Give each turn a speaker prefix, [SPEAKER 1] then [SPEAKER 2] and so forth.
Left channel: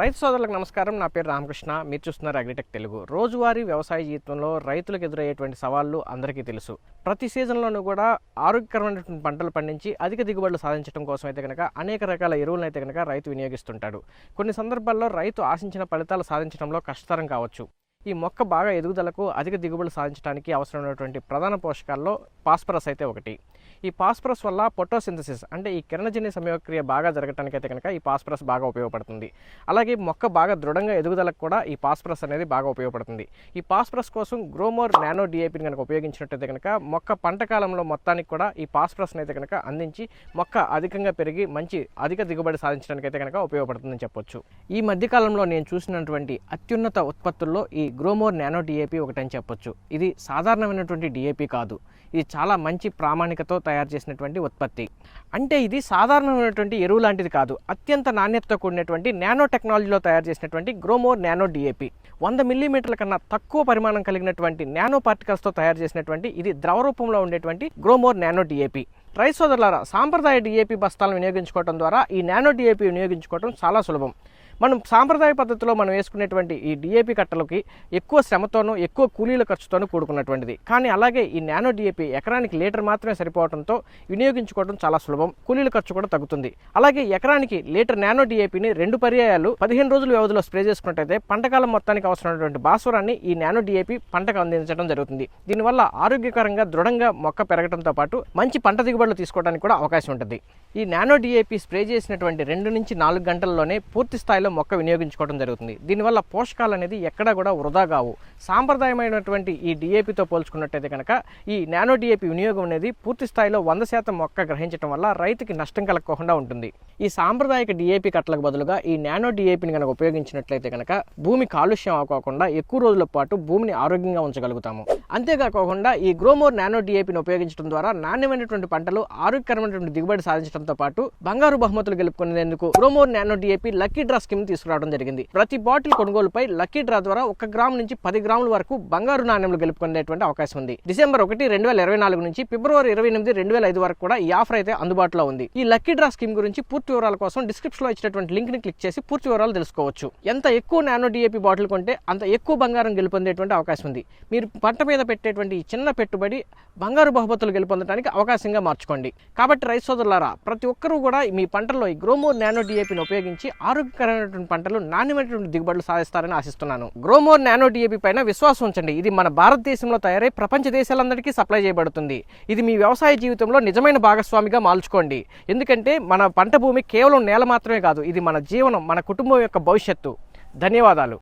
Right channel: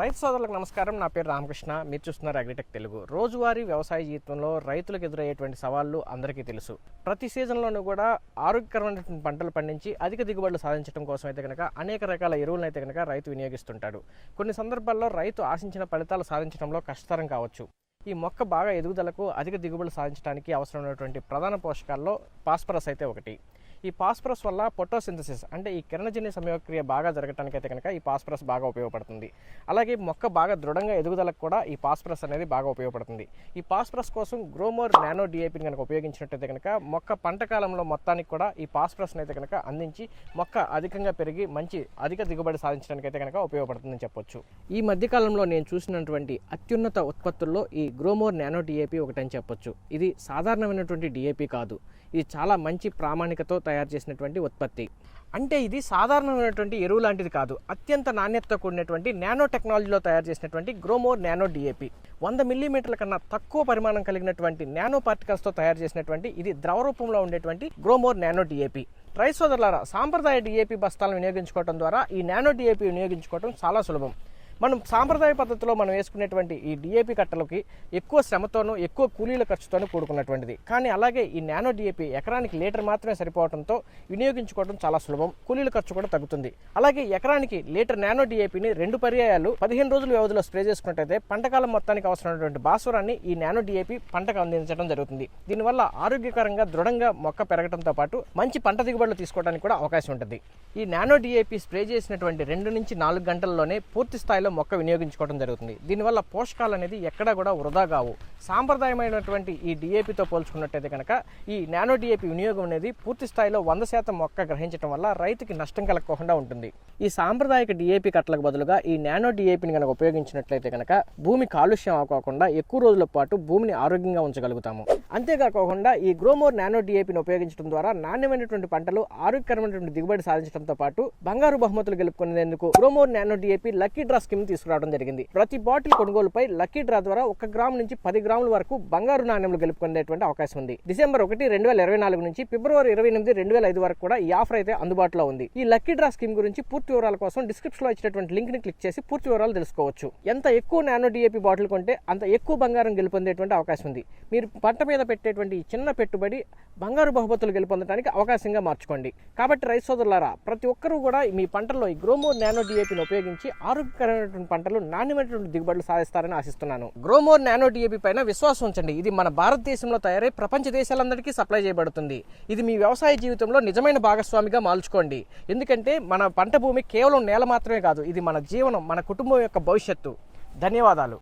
[SPEAKER 1] రైతు సోదరులకు నమస్కారం. నా పేరు రామకృష్ణ. మీరు చూస్తున్నారు అగ్రిటెక్ తెలుగు. రోజువారీ వ్యవసాయ జీవితంలో రైతులకు ఎదురయ్యేటువంటి సవాళ్ళు అందరికీ తెలుసు. ప్రతి సీజన్లోనూ కూడా ఆరోగ్యకరమైనటువంటి పంటలు పండించి అధిక దిగుబడులు సాధించడం కోసం అయితే కనుక అనేక రకాల ఎరువులను అయితే కనుక రైతు వినియోగిస్తుంటాడు. కొన్ని సందర్భాల్లో రైతు ఆశించిన ఫలితాలు సాధించడంలో కష్టతరం కావచ్చు. ఈ మొక్క బాగా ఎదుగుదలకు అధిక దిగుబడులు సాధించడానికి అవసరమైనటువంటి ప్రధాన పోషకాల్లో పాస్పరస్ అయితే ఒకటి. ఈ పాస్పరస్ వల్ల పొటోసింథసిస్ అంటే ఈ కిరణజన్య సమయక్రియ బాగా జరగటానికి అయితే కనుక ఈ పాస్పరస్ బాగా ఉపయోగపడుతుంది. అలాగే మొక్క బాగా దృఢంగా ఎదుగుదలకు కూడా ఈ పాస్పరస్ అనేది బాగా ఉపయోగపడుతుంది. ఈ పాస్పరస్ కోసం గ్రోమోర్ నానో డిఏపిని కనుక ఉపయోగించినట్టయితే కనుక మొక్క పంట కాలంలో మొత్తానికి కూడా ఈ పాస్పరస్ అయితే కనుక అందించి మొక్క అధికంగా పెరిగి మంచి అధిక దిగుబడి సాధించడానికి అయితే కనుక ఉపయోగపడుతుందని చెప్పొచ్చు. ఈ మధ్యకాలంలో నేను చూసినటువంటి అత్యున్నత ఉత్పత్తుల్లో ఈ గ్రోమోర్ నానో డిఏపి ఒకటని చెప్పొచ్చు. ఇది సాధారణమైనటువంటి డిఏపి కాదు. ఇది చాలా మంచి ప్రామాణికతో తయారు చేసినటువంటి ఉత్పత్తి. అంటే ఇది సాధారణమైనటువంటి ఎరువు లాంటిది కాదు. అత్యంత నాణ్యతతో కూడినటువంటి నానో టెక్నాలజీలో తయారు చేసినటువంటి గ్రోమోర్ నానో డిఏపి. వంద మిల్లీమీటర్ల కన్నా తక్కువ పరిమాణం కలిగినటువంటి నానో పార్టికల్స్తో తయారు చేసినటువంటి ఇది ద్రవ రూపంలో ఉండేటువంటి గ్రోమోర్ నానో డిఏపి. రైస్ సోదరులారా సాంప్రదాయ డిఏపి బస్తాలను వినియోగించుకోవడం ద్వారా ఈ నానో డిఏపి వినియోగించుకోవడం చాలా సులభం. మనం సాంప్రదాయ పద్ధతిలో మనం వేసుకునేటువంటి ఈ డిఏపి కట్టలకి ఎక్కువ శ్రమతోనూ ఎక్కువ కూలీల ఖర్చుతోనూ కూడుకున్నటువంటిది. కానీ అలాగే ఈ నానో డిఏపి ఎకరానికి లీటర్ మాత్రమే సరిపోవడంతో వినియోగించుకోవడం చాలా సులభం. కూలీల ఖర్చు కూడా తగ్గుతుంది. అలాగే ఎకరానికి లీటర్ నానో డిఏపిని రెండు పర్యాయాలు పదిహేను రోజుల వ్యవధిలో స్ప్రే చేసుకున్నట్టయితే పంటకాలం మొత్తానికి అవసరమైనటువంటి భాస్వరాన్ని ఈ నానో డిఏపి పంటకు అందించడం జరుగుతుంది. దీనివల్ల ఆరోగ్యకరంగా దృఢంగా మొక్క పెరగడంతో పాటు మంచి పంట దిగుబడులు తీసుకోవడానికి కూడా అవకాశం ఉంటుంది. ఈ నానో డిఏపి స్ప్రే చేసినటువంటి రెండు నుంచి నాలుగు గంటల్లోనే పూర్తి స్థాయిలో మొక్క వినియోగించుకోవడం జరుగుతుంది. దీనివల్ల పోషకాలు అనేది ఎక్కడా కూడా వృధా కావు. సాంప్రదాయమైనటువంటి ఈ డిఏపితో పోల్చుకున్నట్టయితే కనుక ఈ నానో డిఏపి వినియోగం అనేది పూర్తి స్థాయిలో వంద శాతం మొక్క గ్రహించడం వల్ల రైతుకి నష్టం కలగకుండా ఉంటుంది. ఈ సాంప్రదాయక డిఏపి కట్టలకు బదులుగా ఈ నానో డిఏపిని కనుక ఉపయోగించినట్లయితే కనుక భూమి కాలుష్యం అవ్వకుండా ఎక్కువ రోజుల పాటు భూమిని ఆరోగ్యంగా ఉంచగలుగుతాము. అంతేకాకుండా ఈ గ్రోమోర్ నానో డిఏపిని ఉపయోగించడం ద్వారా నాణ్యమైనటువంటి పంటలు ఆరోగ్యకరమైనటువంటి దిగుబడి సాధించడంతో పాటు బంగారు బహుమతులు గెలుపుకునేందుకు Gromor nano DAP lucky draw scheme తీసుకురావడం జరిగింది. ప్రతి బాటిల్ కొనుగోలుపై లక్కీ డ్రా ద్వారా ఒక గ్రామ్ నుంచి పది గ్రాముల వరకు బంగారు నాణ్యములు గెలుపుకునేటువంటి అవకాశం ఉంది. డిసెంబర్ ఒకటి రెండు వేల ఇరవై నాలుగు నుంచి ఫిబ్రవరి ఇరవై ఎనిమిది రెండు వేల ఐదు వరకు కూడా ఈ ఆఫర్ అయితే అందుబాటులో ఉంది. ఈ లక్కీ డ్రా స్కీమ్ గురించి పూర్తి వివరాల కోసం డిస్క్రిప్షన్లో ఇచ్చినటువంటి లింక్ని క్లిక్ చేసి పూర్తి వివరాలు తెలుసుకోవచ్చు. ఎంత ఎక్కువ నానో డిఏపి బాటిల్ కొంటే అంత ఎక్కువ బంగారం గెలుపొందేటువంటి అవకాశం ఉంది. మీరు పంట మీద పెట్టేటువంటి ఈ చిన్న పెట్టుబడి బంగారు బహుమతులు గెలుపొందడానికి అవకాశంగా మార్చుకోండి. కాబట్టి రైతు సోదరులారా ప్రతి ఒక్కరూ కూడా మీ పంటలో ఈ గ్రోమోర్ నానో డిఏపిని ఉపయోగించి ఆరోగ్యకరమైనటువంటి పంటలు నాణ్యమైనటువంటి దిగుబడులు సాధిస్తారని ఆశిస్తున్నాను. గ్రోమోర్ నానో డిఏపి పైన విశ్వాసం ఉంచండి. ఇది మన భారతదేశంలో తయారై ప్రపంచ దేశాలందరికీ సప్లై చేయబడుతుంది. ఇది మీ వ్యవసాయ జీవితంలో నిజమైన భాగస్వామిగా మాల్చుకోండి. ఎందుకంటే మన పంట భూమి కేవలం నేల మాత్రమే కాదు ఇది మన జీవనం మన కుటుంబం యొక్క భవిష్యత్తు. ధన్యవాదాలు.